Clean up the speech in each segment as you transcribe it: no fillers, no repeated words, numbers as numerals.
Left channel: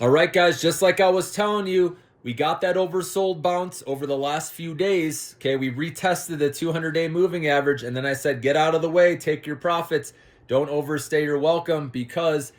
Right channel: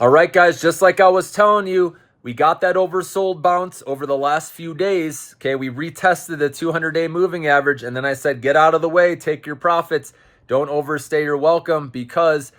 All right, guys, just like I was telling you, we got that oversold bounce over the last few days. Okay, we retested the 200-day moving average, and then I said, get out of the way, take your profits. Don't overstay your welcome, because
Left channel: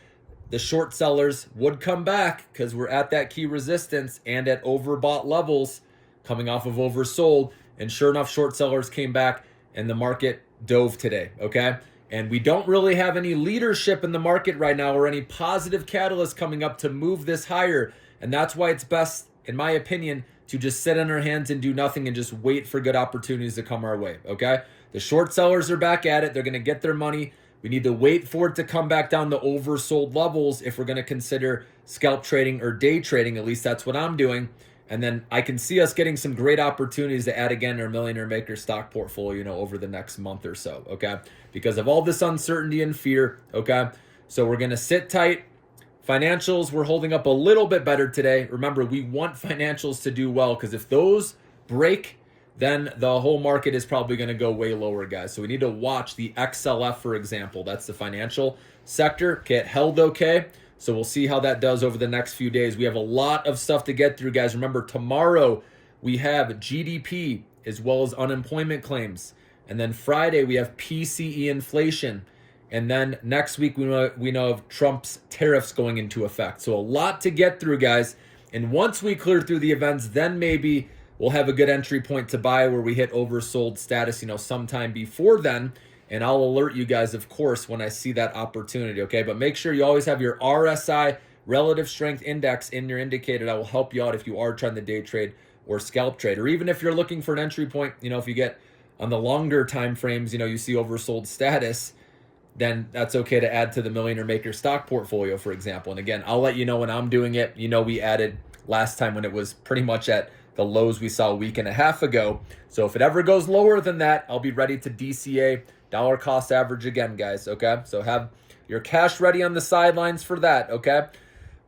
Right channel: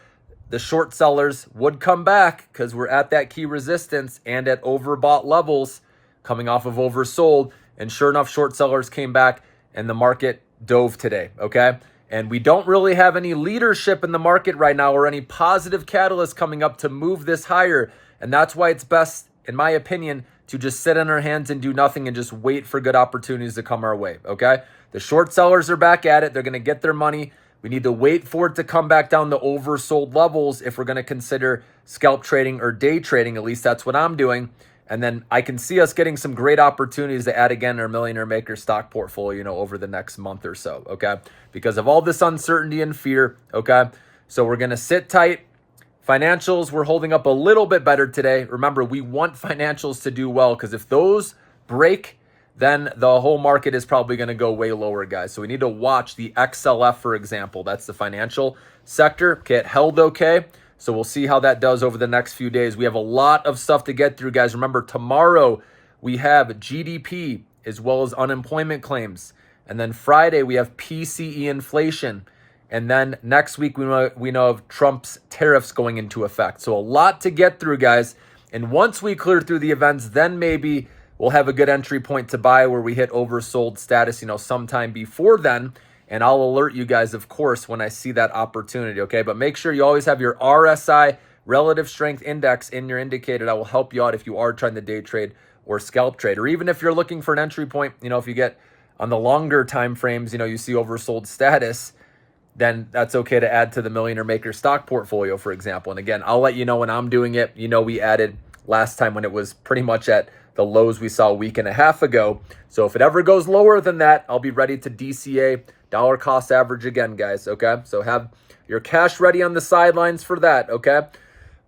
the short sellers would come back because we're at that key resistance and at overbought levels coming off of oversold. And sure enough, short sellers came back and the market dove today, okay? And we don't really have any leadership in the market right now or any positive catalyst coming up to move this higher. And that's why it's best, in my opinion, to just sit on our hands and do nothing and just wait for good opportunities to come our way, okay? The short sellers are back at it. They're going to get their money. We need to wait for it to come back down to oversold levels if we're going to consider scalp trading or day trading. At least that's what I'm doing. And then I can see us getting some great opportunities to add again our Millionaire Maker stock portfolio, over the next month or so, okay? Because of all this uncertainty and fear, okay? So we're going to sit tight. Financials, we're holding up a little bit better today. Remember, we want financials to do well, because if those break, then the whole market is probably going to go way lower, guys. So we need to watch the XLF, for example. That's the financial sector. Okay, it held okay. So we'll see how that does over the next few days. We have a lot of stuff to get through, guys. Remember, tomorrow we have GDP as well as unemployment claims. And then Friday we have PCE inflation. And then next week we know of Trump's tariffs going into effect. So a lot to get through, guys. And once we clear through the events, then maybe we'll have a good entry point to buy where we hit oversold status, sometime before then. And I'll alert you guys, of course, when I see that opportunity, okay? But make sure you always have your RSI, Relative Strength Index, in your indicator. That will help you out if you are trying to day trade or scalp trade. Or even if you're looking for an entry point, if you get on the longer time frames, you see oversold status, then that's okay to add to the Millionaire Maker stock portfolio, for example. And again, I'll let you know when I'm doing it. We added last time when it was pretty much at the lows we saw a week and a half ago. So if it ever goes lower than that, I'll be ready to DCA dollar cost average again, guys, okay? So have your cash ready on the sidelines for that, okay?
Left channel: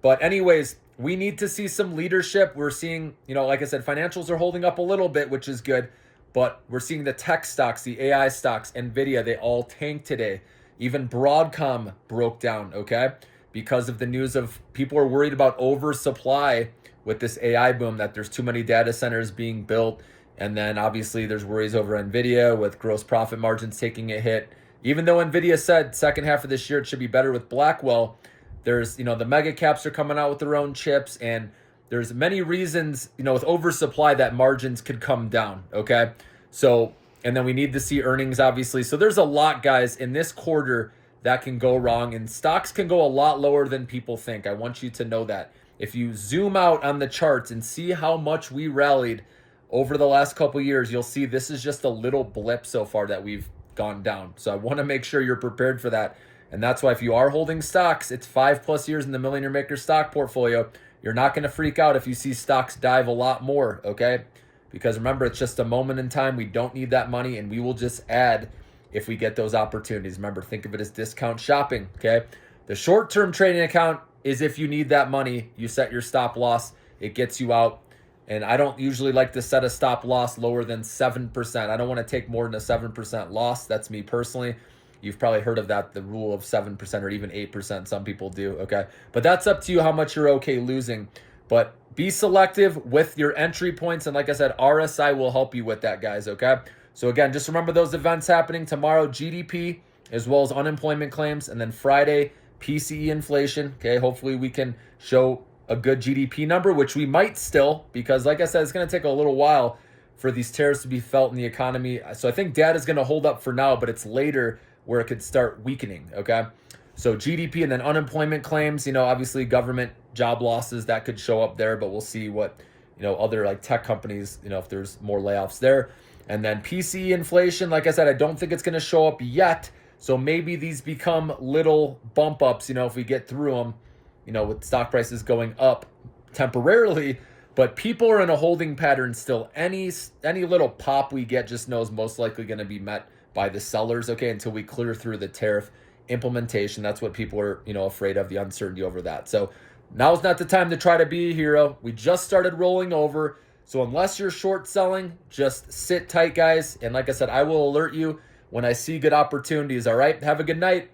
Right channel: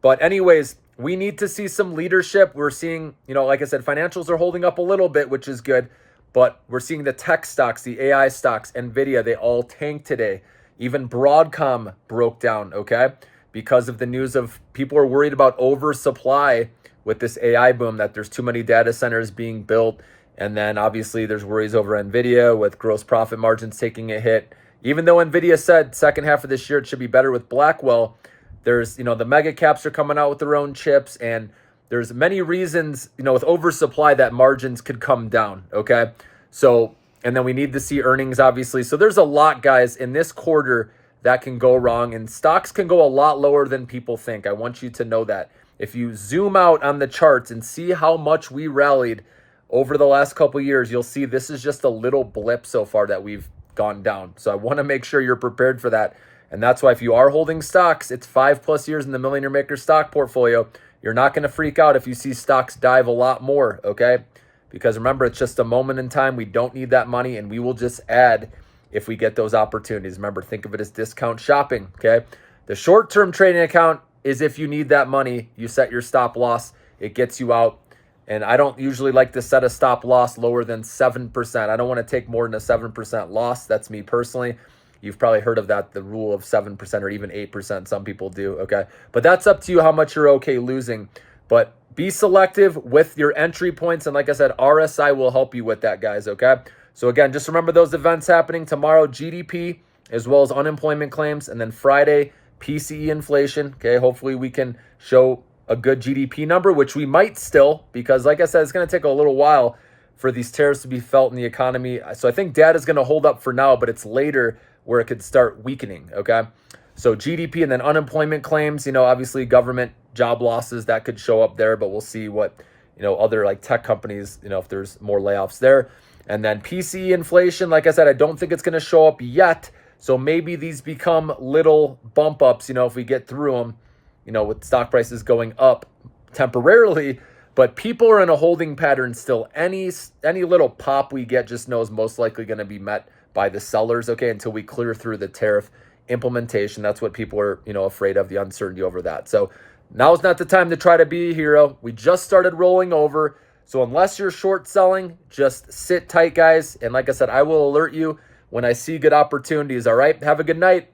But anyways, we need to see some leadership. We're seeing, like I said, financials are holding up a little bit, which is good, but we're seeing the tech stocks, the AI stocks, NVIDIA, they all tanked today. Even Broadcom broke down, okay? Because of the news of people are worried about oversupply with this AI boom, that there's too many data centers being built. And then obviously there's worries over NVIDIA with gross profit margins taking a hit. Even though NVIDIA said second half of this year it should be better with Blackwell, there's, the mega caps are coming out with their own chips, and there's many reasons, with oversupply that margins could come down, okay? So, and then we need to see earnings, obviously. So there's a lot, guys, in this quarter that can go wrong, and stocks can go a lot lower than people think. I want you to know that. If you zoom out on the charts and see how much we rallied over the last couple of years, you'll see this is just a little blip so far that we've gone down. So I want to make sure you're prepared for that. And that's why if you are holding stocks, it's 5+ years in the Millionaire Maker stock portfolio. You're not going to freak out if you see stocks dive a lot more, okay? Because remember, it's just a moment in time. We don't need that money, and we will just add if we get those opportunities. Remember, think of it as discount shopping, okay? The short-term trading account is if you need that money, you set your stop loss, it gets you out. And I don't usually like to set a stop loss lower than 7%. I don't want to take more than a 7% loss. That's me personally. You've probably heard of that, the rule of 7% or even 8%. Some people do, okay? But that's up to you how much you're okay losing. But be selective with your entry points. And like I said, RSI will help you with that, guys, okay? So again, just remember those events happening tomorrow, GDP, as well as unemployment claims. And then Friday, PCE inflation, okay? Hopefully we can show a good GDP number, which we might still, because like I said, it's going to take a little while for these tariffs to be felt in the economy. So I think data is going to hold up for now, but it's later where it could start weakening, okay? So GDP and then unemployment claims, obviously government job losses, that could show up there, but we'll see what, other like tech companies, if there's more layoffs there. And then PCE inflation, like I said, I don't think it's going to show up yet. So maybe these become little bump ups, if we get through them, with stock prices going up temporarily, but people are in a holding pattern still. Any little pop we get, just know is most likely going to be met by the sellers, okay, until we clear through the tariff implementation. That's what people are, afraid of, the uncertainty over that. So now's not the time to try to be a hero. We just started rolling over. So unless you're short selling, just sit tight, guys. And like I said, I will alert you when I see good opportunities, all right? Have a good night.